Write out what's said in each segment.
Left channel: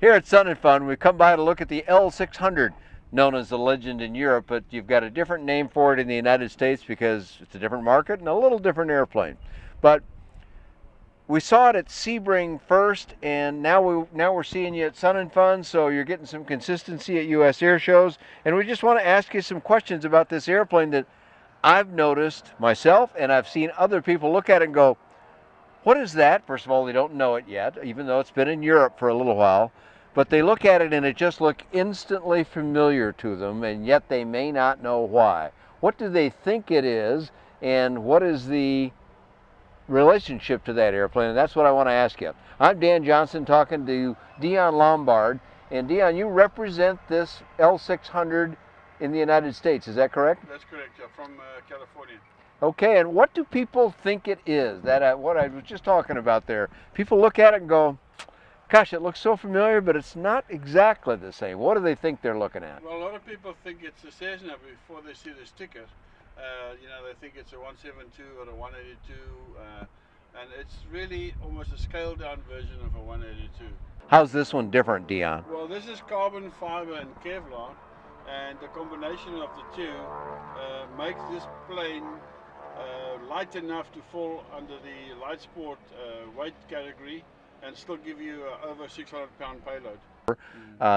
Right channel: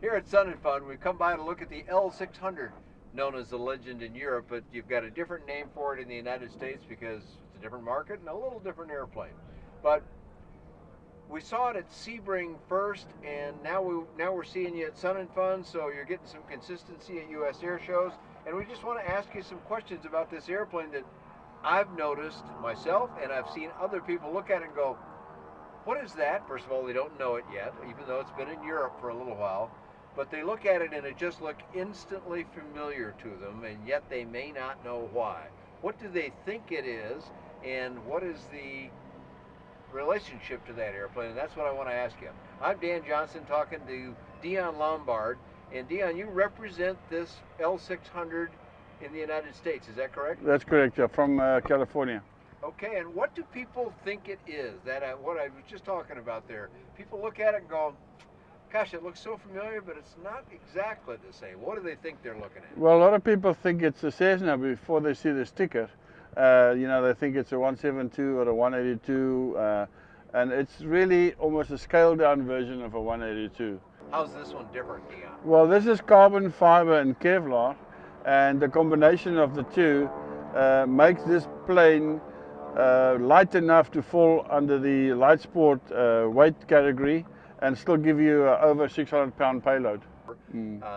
Here at Sun and Fun, we've come by to look at the L600, known as the Legend in Europe, but you've got a different name for it in the United States because it's a different market and a little different airplane. But we saw it at Sebring first, and now we're seeing you at Sun and Fun, so you're getting some consistency at U.S. air shows. And we just want to ask you some questions about this airplane that I've noticed myself, and I've seen other people look at it and go, what is that? First of all, they don't know it yet, even though it's been in Europe for a little while. But they look at it and it just looks instantly familiar to them, and yet they may not know why. What do they think it is, and what is the relationship to that airplane? And that's what I want to ask you. I'm Dan Johnson talking to Deon Lombard. And Deon, you represent this L600 in the United States, is that correct? That's correct, yeah, from California. Okay, and what do people think it is? What I was just talking about there. People look at it and go, gosh, it looks so familiar, but it's not exactly the same. What do they think they're looking at? Well, a lot of people think it's a Cessna before they see the sticker. You know, they think it's a 172 or a 182, and it's really almost a scaled down version of a 182. How's this one different, Deon? Well, this is carbon fiber and Kevlar, and the combination of the two makes this plane light enough to fall under the light sport weight category and still give you over 600-pound payload.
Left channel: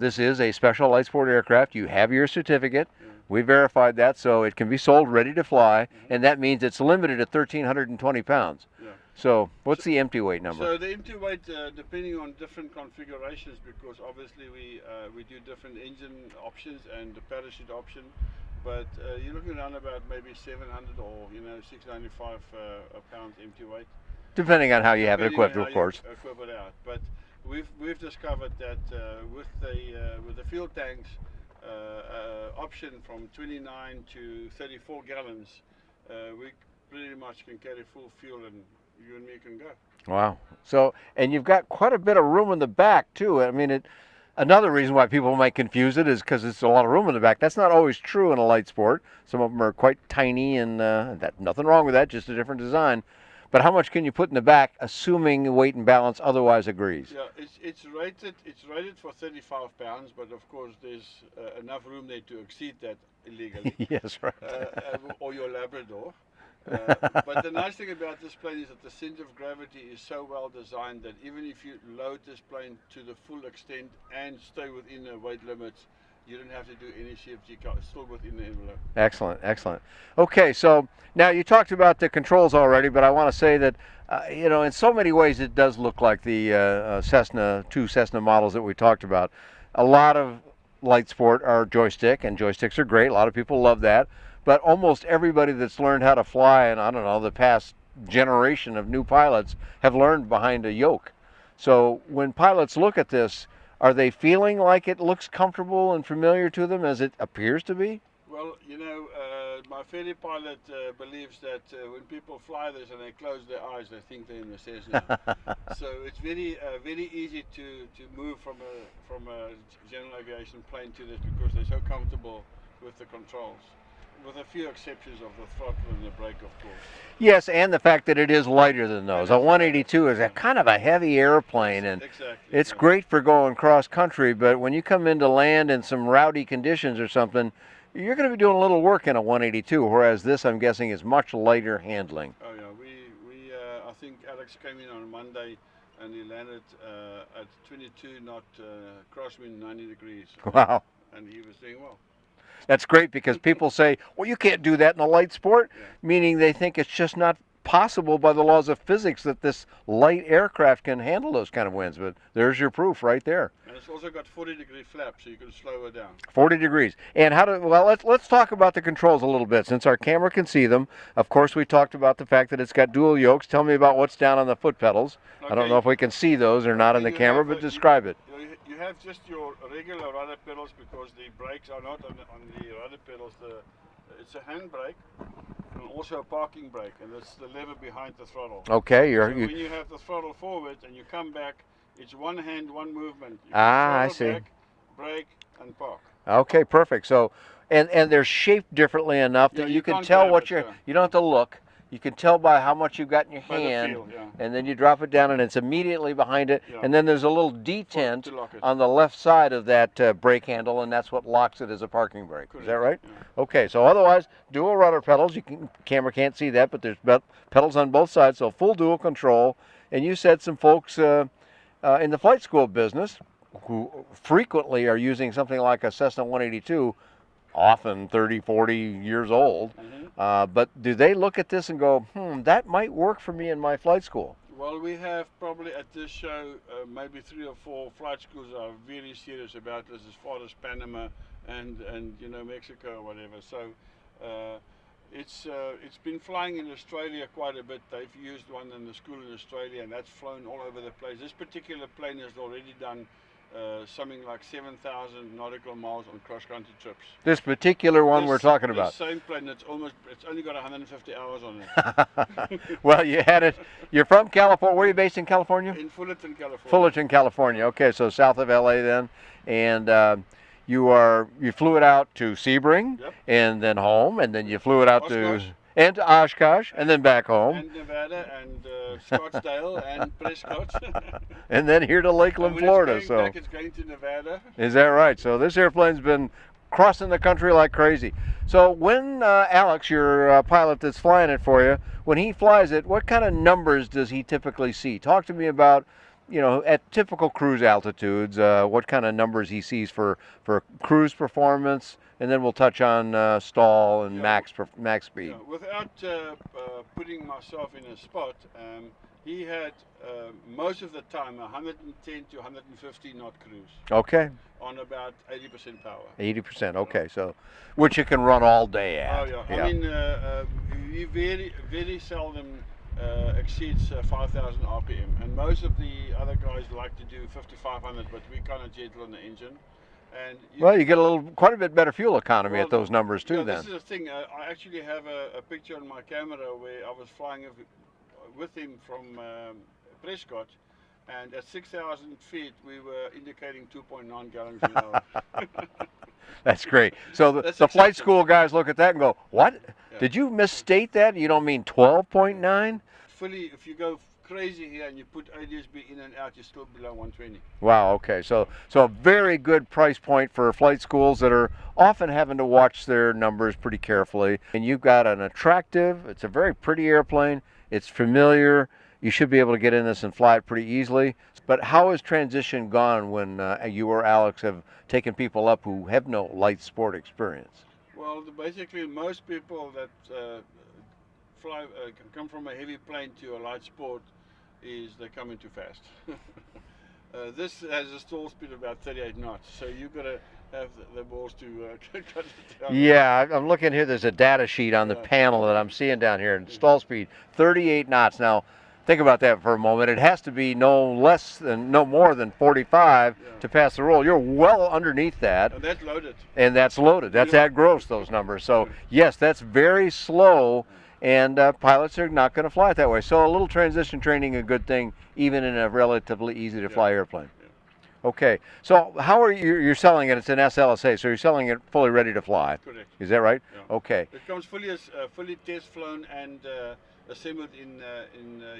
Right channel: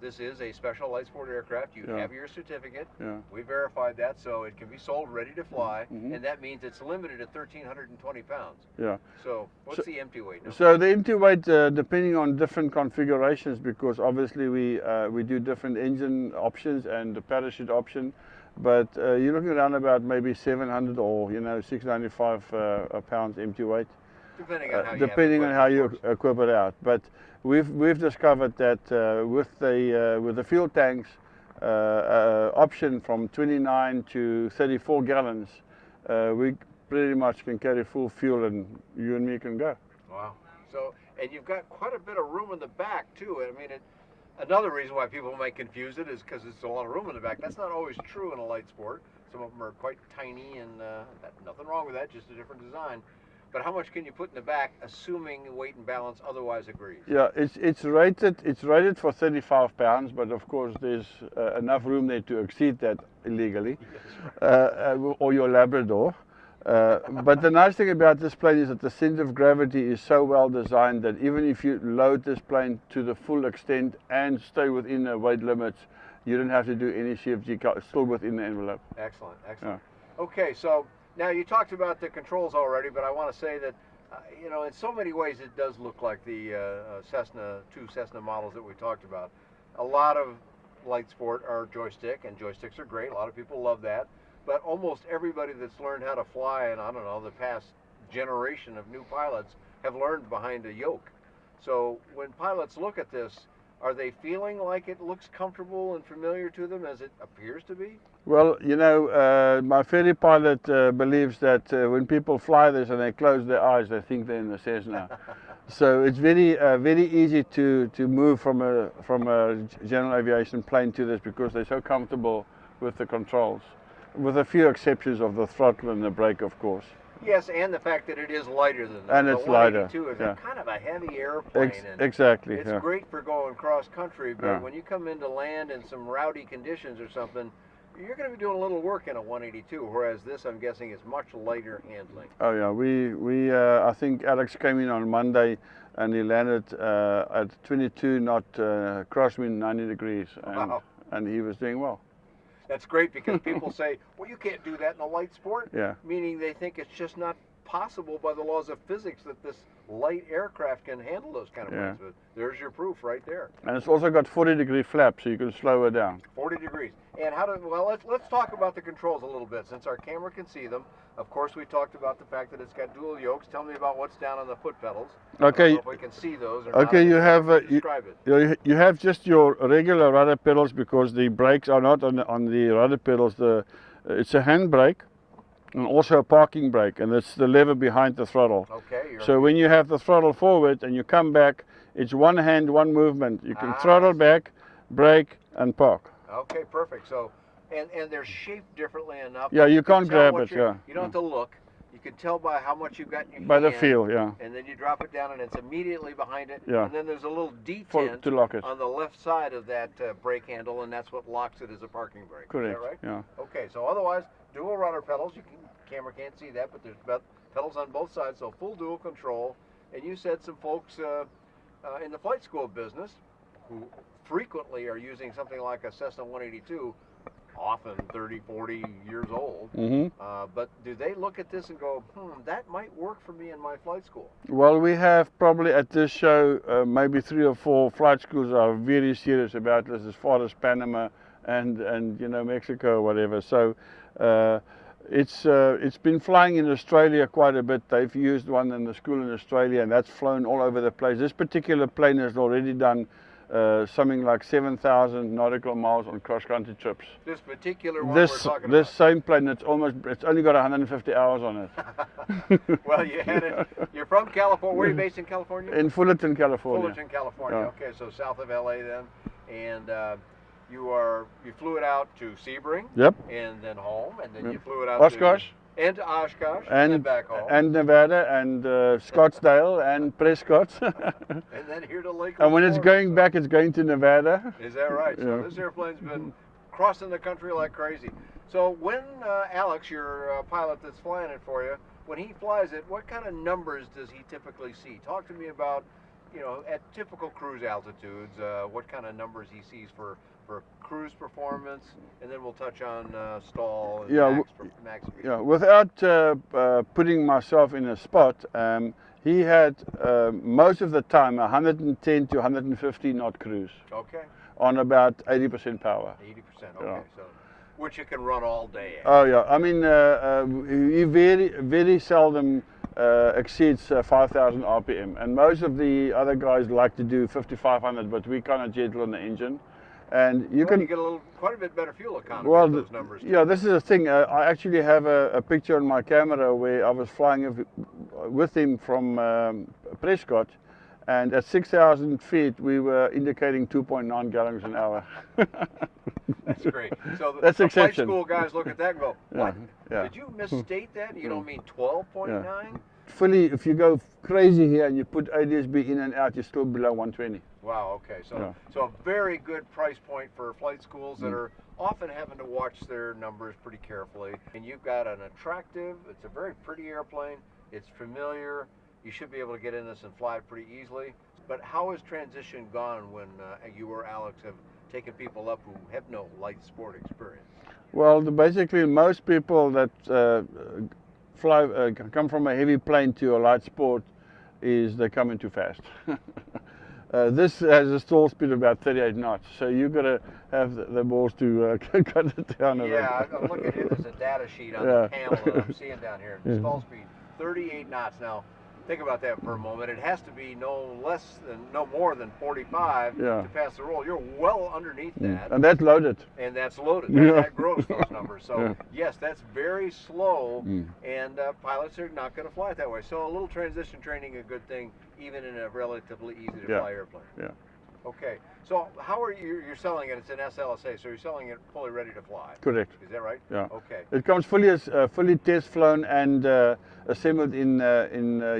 This is a special light sport aircraft. You have your certificate. Yeah. We verified that, so it can be sold ready to fly, and that means it's limited at 1,320 pounds. Yeah. So what's the empty weight number? So the empty weight, depending on different configurations, because obviously we do different engine options and the parachute option, but you're looking around about maybe 700 or 695 pounds empty weight. Depending on how you have it equipped, depending on how of course. you equip it out. But we've discovered that with the fuel tanks option from 29 to 34 gallons, we pretty much can carry full fuel, and you and me can go. Wow. So, and you've got quite a bit of room in the back too. I mean, another reason why people might confuse it is because it's a lot of room in the back. That's not always true in a light sport. Some of them are quite tiny, and nothing wrong with that, just a different design. But how much can you put in the back, assuming weight and balance otherwise agrees? Yeah, it's rated for 35 pounds, but of course there's enough room there to exceed that illegally. Yes, right. Or your Labrador. But the nice thing about this plane is that the center of gravity is so well designed that even if you load this plane to the full extent and stay within the weight limits, you don't have to do any CFG, still within the envelope. Excellent, excellent. Okay, so now you talked about the controls already, but I want to say that, in so many ways it does look like the two Cessna models that we talked about. A lot of light sport are joystick, and joysticks are great. A lot of people love that. But almost everybody that's learned how to fly, and I don't know, the past generation of new pilots have learned behind a yoke. So when pilots look at this, are they feeling like it looks comfortable and familiar to them as it appears to be? Well, my ferry pilot believes that when people fly this and they close their eyes, they think they're in the Cessna. So it's very easy to move from a general aviation plane to this because they're so comfortable with the controls, with a few exceptions of the throttle and the brake, of course. Yes, and the fact that it is lighter than those. A 182 is a kind of a heavy airplane, and exactly. It's great for going cross country, but when you come into land in some rowdy conditions or something, you're going to be doing a little work in a 182, whereas this, I'm guessing, is much lighter handling. Oh yeah, I think Alex came in on Monday and he landed at 22 knot crosswind, 90 degrees. Wow. And he was doing well. That's great, because people say, well, you can't do that in a light sport, meaning they think it's just not possible by the laws of physics that this light aircraft can handle those kind of winds. But there's your proof right there. And it's also got 40-degree flaps, so you can slow it down. 40 degrees. And let's talk about the controls a little bit, since our camera can see them. Of course, we talked about the fact that it's got dual yokes. Tell me about what's down on the foot pedals. Okay. I don't know if we can see those or not on the camera, but describe it. You have just your regular rudder pedals, because the brakes are not on the rudder pedals. It's a hand brake and also a parking brake, and it's the lever behind the throttle. Okay. So when you have the throttle forward and you come back, it's one hand, one movement. You can throttle back, brake, and park. Okay, perfect. So, and they're shaped differently enough. Yeah, you can can't tell grab what it, you don't have to look. You can tell by how much you've got in your By hand. the feel, yeah. And then you drop it down and it's immediately behind it. Yeah. And then there's a little detent To lock it. on the left side of that brake handle, and that's what locks it as a parking brake. Correct. Is that right? Yeah. Okay, so otherwise, dual rudder pedals. Camera can't see that, but there's pedals on both sides, so full dual control. And you said some folks in the flight school business who frequently are using something like a Cessna 182, often 30, 40 years old. But do they look at this and go, that might work for me in my flight school? Well, we have probably at this show maybe 3 or 4 flight schools are very serious about this, as far as Panama and you know, Mexico or whatever. So it's been flying in Australia quite a bit. They've used one in the school in Australia, and that's flown all over the place. This particular plane has already done something like 7,000 nautical miles on cross-country trips. This particular one we're talking about. This same plane, it's only got 150 hours on it. Well, you had it. You're from California. Where are you based in California? In Fullerton, California. Fullerton, California. Yeah. Okay, so south of LA then, and you flew it out to Sebring. Yep. And then home, and then you flew it out Oshkosh. to Oshkosh, and then back home, and Nevada, and Scottsdale, and Prescott, and then here to Lakeland, and when Florida, it's going back, it's going to Nevada. Is that right? So this airplane's been crossing the country like crazy. So when Alex, your pilot that's flying it for you, when he flies it, what kind of numbers does he typically see? Talk to me about, you know, at typical cruise altitudes, what kind of numbers he sees for cruise performance, and then we'll touch on stall and max speed. Yeah, without putting myself in a spot, he had most of the time 110 to 150 knot cruise. Okay. On about 80% power. 80%. Okay, so which you can run all day at. Oh yeah. I mean, he very seldom exceeds 5,000 RPM, and most of the other guys like to do 5,500, but we kind of gentle on the engine. And you get quite a bit better fuel economy at those numbers too. Yeah, this is the thing. I actually have a picture on my camera where I was flying with him from Prescott, and at 6,000 feet we were indicating 2.9 gallons an hour. That's great. So the flight school guys look at that and go, "What? Yeah. Did you misstate that? You don't mean 12.9?" Yeah. Fully, if you go crazy here and you put ADS-B in and out, you're still below 120. Wow, okay. So a very good price point for flight schools that are often having to watch their numbers pretty carefully. And you've got an attractive, it's a very pretty airplane, it's familiar, you should be able to get in this and fly it pretty easily. But how has transition gone when you or Alex have taken people up who have no light sport experience? Well, basically most people that come from a heavy plane to a light sport is they come in too fast. This has a stall speed of about 38 knots, so you've got to have the balls to cut it down. Yeah, I'm looking here, there's a data sheet on the panel that I'm seeing down here. Stall speed, 38 knots. Now, think about that for a moment. It has to be no more than 45 to pass the roll. You're well underneath that. And that's loaded. And that's loaded. That's at gross, those numbers. So yes, that's very slow, and pilots are not going to fly it that way. So a little transition training, a good thing, even in a relatively easy to fly airplane. Yeah. Okay, so how are you're selling it? It's an SLSA, so you're selling it fully ready to fly. Correct. Is that right? Yeah. Okay. It comes fully test flown and assembled in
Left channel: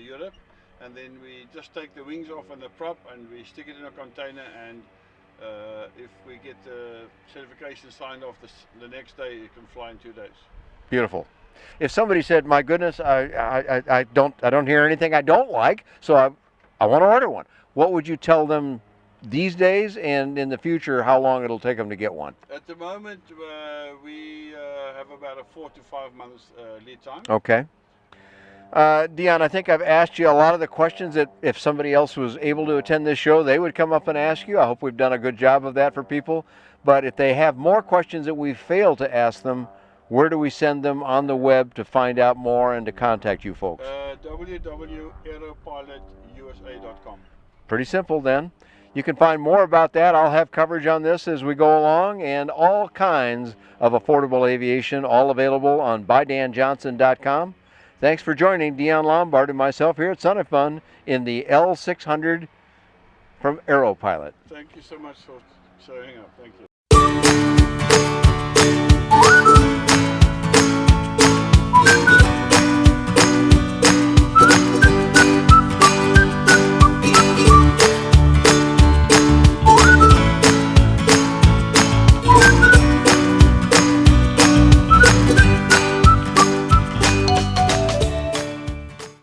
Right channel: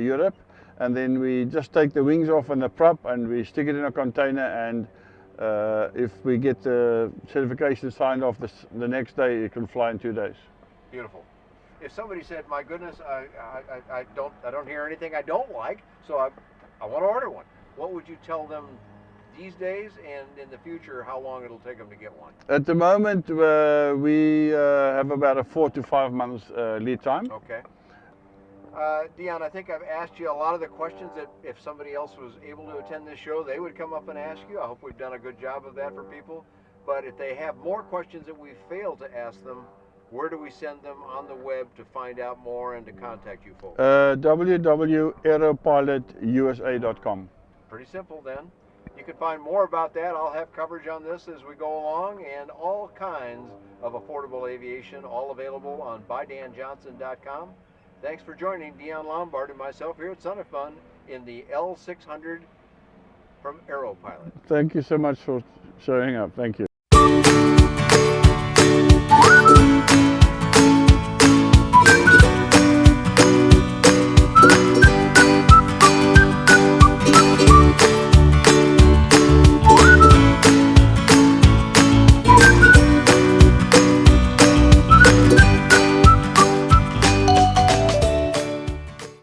Europe, and then we just take the wings off and the prop and we stick it in a container, and if we get the certification signed off the next day, it can fly in 2 days. Beautiful. If somebody said, "My goodness, I don't hear anything I don't like, so I want to order one," what would you tell them these days, and in the future, how long it'll take them to get one? At the moment, we have about a 4 to 5 months lead time. Okay. Deon, I think I've asked you a lot of the questions that if somebody else was able to attend this show, they would come up and ask you. I hope we've done a good job of that for people. But if they have more questions that we failed to ask them, where do we send them on the web to find out more and to contact you folks? www.aeropilotusa.com. Pretty simple then. You can find more about that. I'll have coverage on this as we go along, and all kinds of affordable aviation, all available on BuyDanJohnson.com. Thanks for joining Deon Lombard and myself here at Sun and Fun in the L600 from Aeropilot. Thank you so much for showing up. Thank you.